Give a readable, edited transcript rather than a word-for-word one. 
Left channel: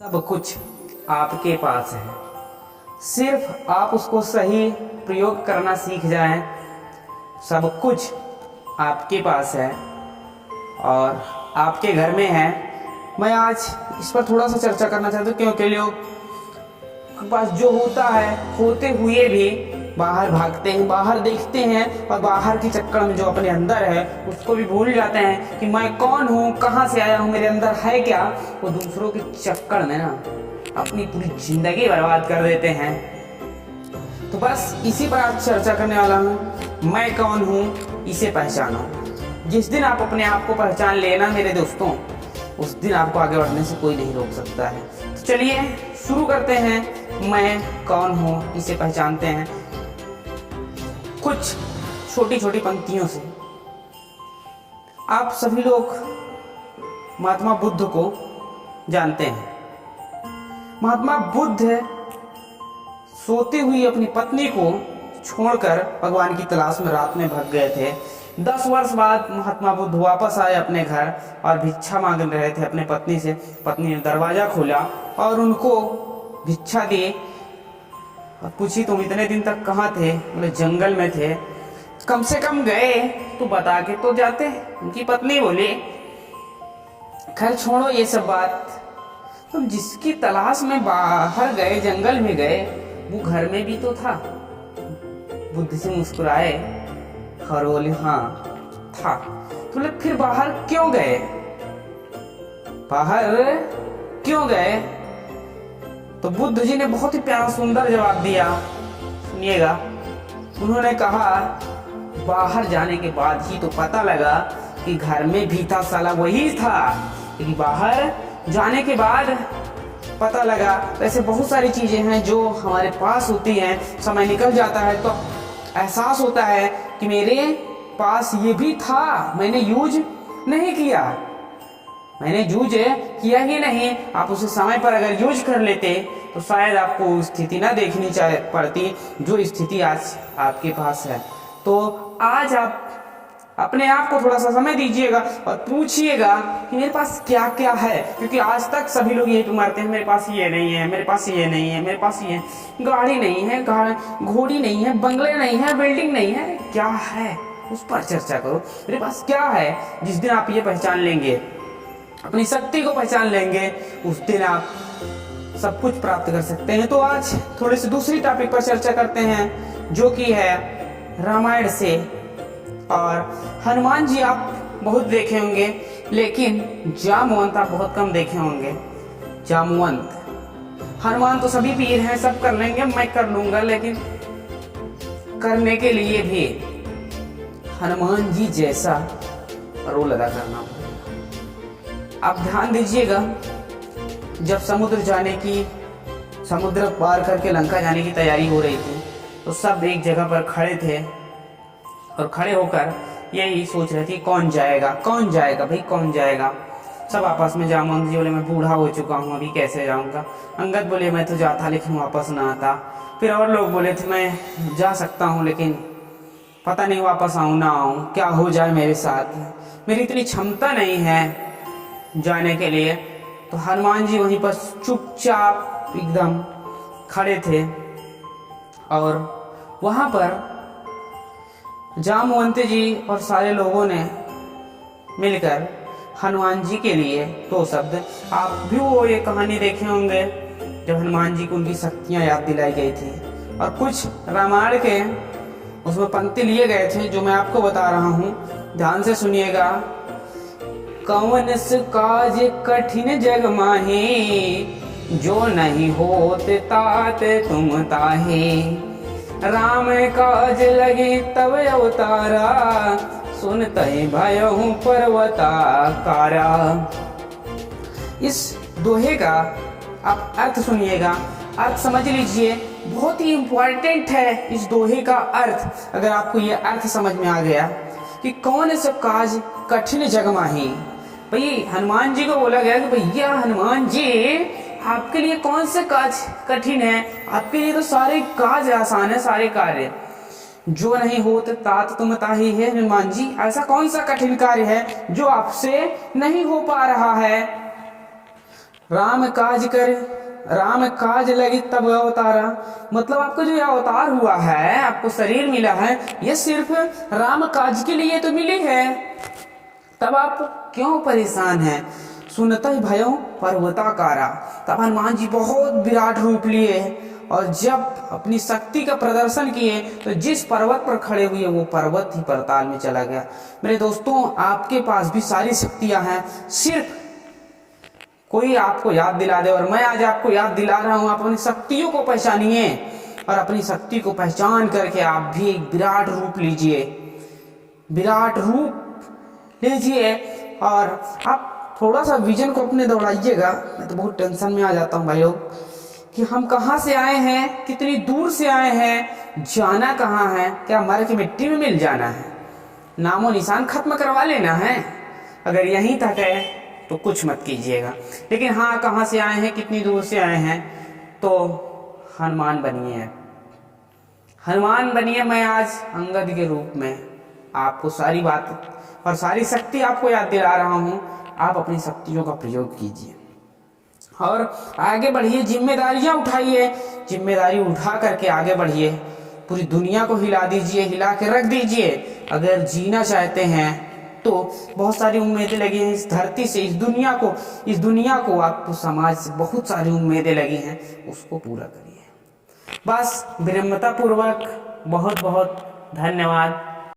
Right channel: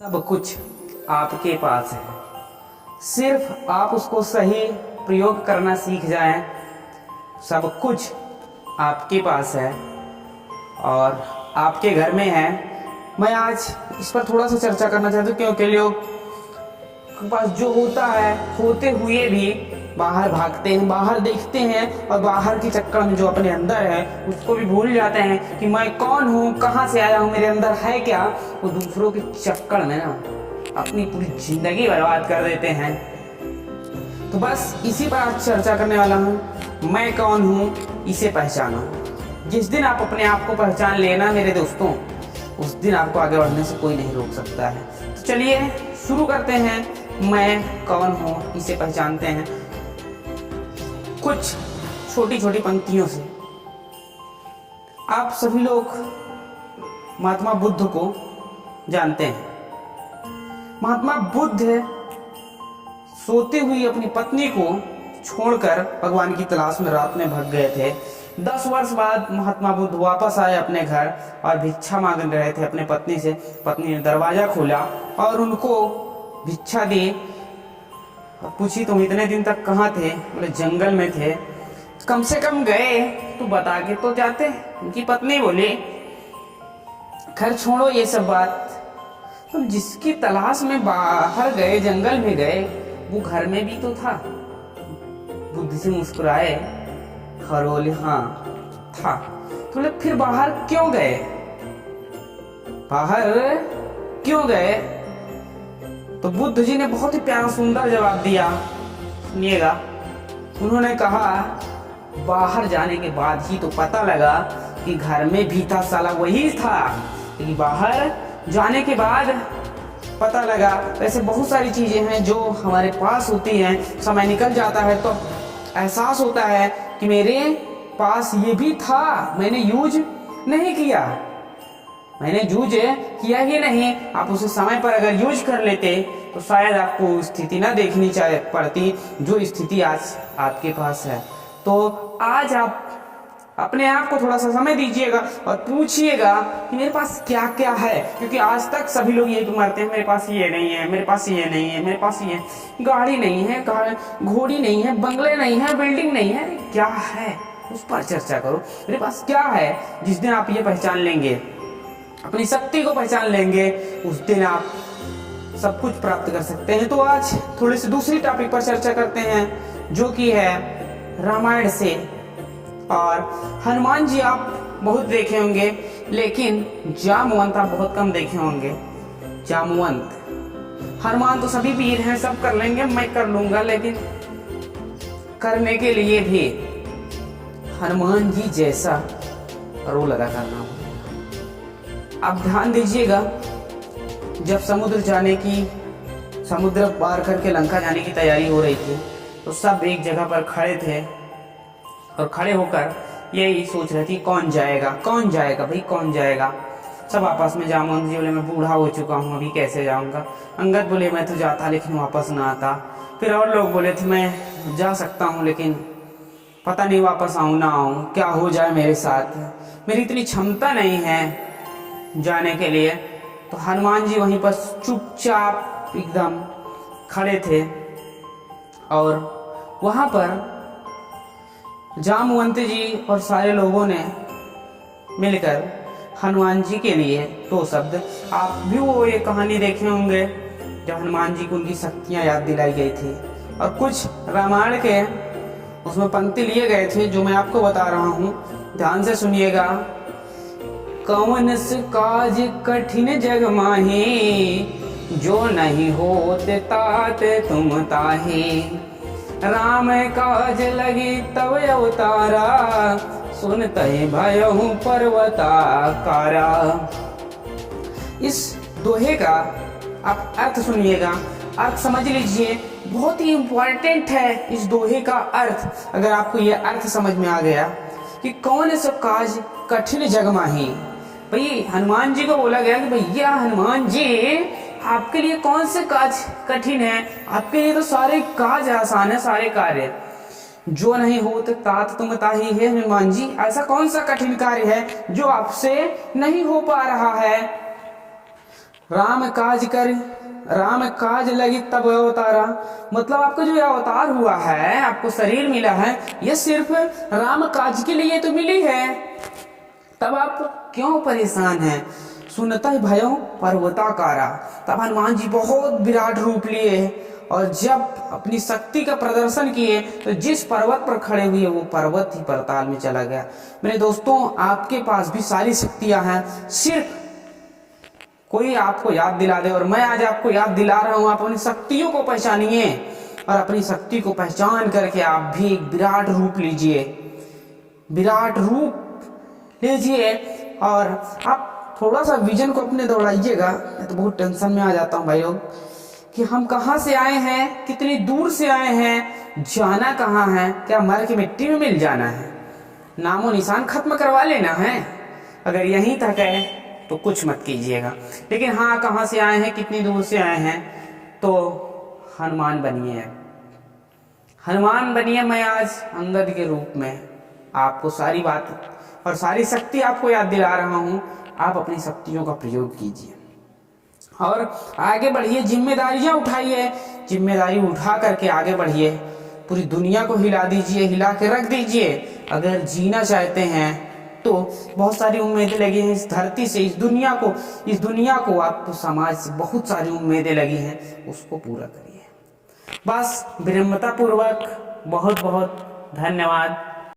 सब कुछ आपके पास है, सिर्फ आप उसको सही प्रयोग करना सीख जाएं। सब कुछ आपके पास है और आपके घर में है। मैं आज इस पर थोड़ा सा चर्चा करना चाहता हूँ क्योंकि लोग के पास जो होता है होते हुए भी बाहर भागते हैं, बाहर देखते हैं और बाहर के चक्कर में जो अपने अंदर है उसको भी भूल जाते हैं कि मैं कौन हूँ, कहाँ से आया हूँ, मेरे अंदर है क्या। वो दूसरों के चक्कर में ना अपनी पूरी जिंदगी बर्बाद कर देते हैं। तो बस इसी पर आज चर्चा करने वाला हूँ। मैं कौन हूँ, इसे पहचानो। जिस दिन आप अपने आप को पहचान लेना मेरे दोस्तों, उस दिन आपको आगे बढ़ने से कोई नहीं रोक सकता है। तो चलिए शुरू करते हैं। मैं कौन हूँ, इसे पहचानते हैं कुछ छोटी छोटी पंक्तियों से। आप सभी लोग महात्मा बुद्ध को जानते हैं। महात्मा बुद्ध सोती हुई अपनी पत्नी को छोड़कर भगवान की तलाश में रात में भाग गए थे। 10 वर्ष बाद महात्मा बुद्ध वापस आए अपने घर और भिक्षा मांग रहे थे अपने पत्नी से। पत्नी ने दरवाज़ा खोला और उनको भिक्षा दी और पूछी, तुम इतने दिन तक कहाँ थे? बोले, जंगल में थे। कम से कम गए तो बता के तो जाते। उनकी पत्नी बोली, खैर छोड़ो ये सब बात, तुम जिसकी तलाश में बाहर गए, जंगल में गए, वो घर में भी तो था। बुद्ध जी मुस्कुराए और बोले, हाँ था। तो बोले, फिर बाहर क्यों गए? बाहर क्यों गए? तो बुद्ध जी ने बहुत ही प्यारा सुंदर जवाब दिया, सुनिएगा। उन्होंने कहा, बाहर जाने के बाद ही तो पता लगा कि घर में भी था, साला वही था। लेकिन बाहर जाने के बाद पता लगा। वैसे बहुत सारी चीज़ें हैं जो हमारे पास होती हैं, समय निकल जाता है तो एहसास होता है कि मेरे पास ये भी था, मैंने यूज नहीं किया, मैंने यूज किया ही नहीं। आप उसे समय पर अगर यूज कर लेते तो शायद आपको स्थिति ना देखनी पड़ती जो स्थिति आज आपके पास है। तो आज आप अपने आप को थोड़ा सा समय दीजिएगा और पूछिएगा कि मेरे पास क्या क्या है। क्योंकि आज तक सभी लोग यही पे मरते हैं, मेरे पास ये नहीं है, मेरे पास ये नहीं है, मेरे पास ये गाड़ी नहीं है, घोड़ी नहीं है, बंगले नहीं है, बिल्डिंग नहीं है। अरे क्या है, उस पर चर्चा करो। मेरे पास क्या है? जिस दिन आप ये पहचान लेंगे, अपनी शक्ति को पहचान लेंगे, उस दिन आप सब कुछ प्राप्त कर सकते हैं। तो आज थोड़ी सी दूसरी टॉपिक पर चर्चा करते हैं जो कि है रामायण से। और हनुमान जी आप बहुत देखे होंगे, लेकिन जामवंत आप बहुत कम देखे होंगे। जामवंत, हनुमान तो सभी वीर हैं, सब कर लेंगे, मैं कर लूंगा, लेकिन करने के लिए भी हनुमान जी जैसा रोल अदा करना होगा। आप ध्यान दीजिएगा, जब समुद्र पार करके लंका जाने की तैयारी हो रही थी तो सब एक जगह पर खड़े थे और खड़े होकर यही सोच रहे थे, कौन जाएगा, कौन जाएगा भाई, कौन जाएगा। सब आपस में, जामवंत जी बोले, मैं बूढ़ा हो चुका हूँ, अभी कैसे जाऊँगा। अंगद बोले, मैं तो जाता लेकिन वापस ना आता। फिर और लोग बोले थे, मैं जा सकता हूँ लेकिन पता नहीं वापस आऊँ ना आऊँ, क्या हो जाए मेरे साथ, मेरी इतनी क्षमता नहीं है जाने के लिए। तो हनुमान जी वहीं पर चुपचाप एकदम खड़े थे और वहाँ पर जामवंत जी और सारे लोगों ने मिलकर हनुमान जी के लिए 2 शब्द, आप भी वो ये कहानी देखे होंगे जब हनुमान जी को उनकी शक्तियाँ याद दिलाई गई थी और कुछ रामायण के उसमें पंक्ति लिए गए थे जो मैं आपको बता रहा हूँ, ध्यान से सुनिएगा। कौन से काज कठिन जग माहे, जो नहीं होते ताते तुम ताहे। राम काज लगे तब अवतारा, सुनते भयहु पर्वताकारा। इस दोहे का आप अर्थ सुनिएगा, अर्थ समझ लीजिए, बहुत ही इम्पोर्टेंट है इस दोहे का अर्थ। अगर आपको ये अर्थ समझ में आ गया कि कौन सा काज कठिन जग माही, भाई हनुमान जी को बोला गया कि भैया हनुमान जी आपके लिए कौन से काज कठिन है, आपके लिए तो सारे काज आसान है, सारे कार्य। जो नहीं होते तात तुम ताही है। हनुमान जी, ऐसा कौन सा कठिन कार्य है जो आपसे नहीं हो पा रहा है? राम काज कर, राम काज लगी तब अवतारा। मतलब आपका जो ये अवतार हुआ है, आपको शरीर मिला है, ये सिर्फ राम काज के लिए तो मिली है, तब आप क्यों परेशान हैं। सुनता ही भयो पर्वताकारा। तब हनुमान जी बहुत विराट रूप लिए और जब अपनी शक्ति का प्रदर्शन किए तो जिस पर्वत पर खड़े हुए वो पर्वत ही पाताल में चला गया। मेरे दोस्तों, आपके पास भी सारी शक्तियां हैं, सिर्फ कोई आपको याद दिला दे। और मैं आज आपको याद दिला रहा हूं, आप अपनी शक्तियों को पहचानिए और अपनी शक्ति को पहचान करके आप भी एक विराट रूप लीजिए, विराट रूप लीजिए। और आप थोड़ा सा विजन को अपने दौड़ाइएगा। मैं तो बहुत टेंशन में आ जाता हूँ भाई लोग, कि हम कहाँ से आए हैं, कितनी दूर से आए हैं, जाना कहाँ है, क्या मर के मिट्टी में मिल जाना है, नामो निशान खत्म करवा लेना है। अगर यहीं तक है तो कुछ मत कीजिएगा। लेकिन हाँ, कहाँ से आए हैं, कितनी दूर से आए हैं, तो हनुमान बनिए, हनुमान बनिए। मैं आज अंगद के रूप में आपको सारी बात और सारी शक्ति आपको याद दिला रहा हूँ। आप अपनी शक्तियों का प्रयोग कीजिए और आगे बढ़िए, जिम्मेदारियां उठाइए, जिम्मेदारी उठा करके आगे बढ़िए, पूरी दुनिया को हिला दीजिए, हिला के रख दीजिए। अगर जीना चाहते हैं तो बहुत सारी उम्मीदें लगी हैं इस धरती से, इस दुनिया को आपको समाज से बहुत सारी उम्मीदें लगी हैं, उसको पूरा करिए। बस विनम्रता पूर्वक बहुत बहुत धन्यवाद।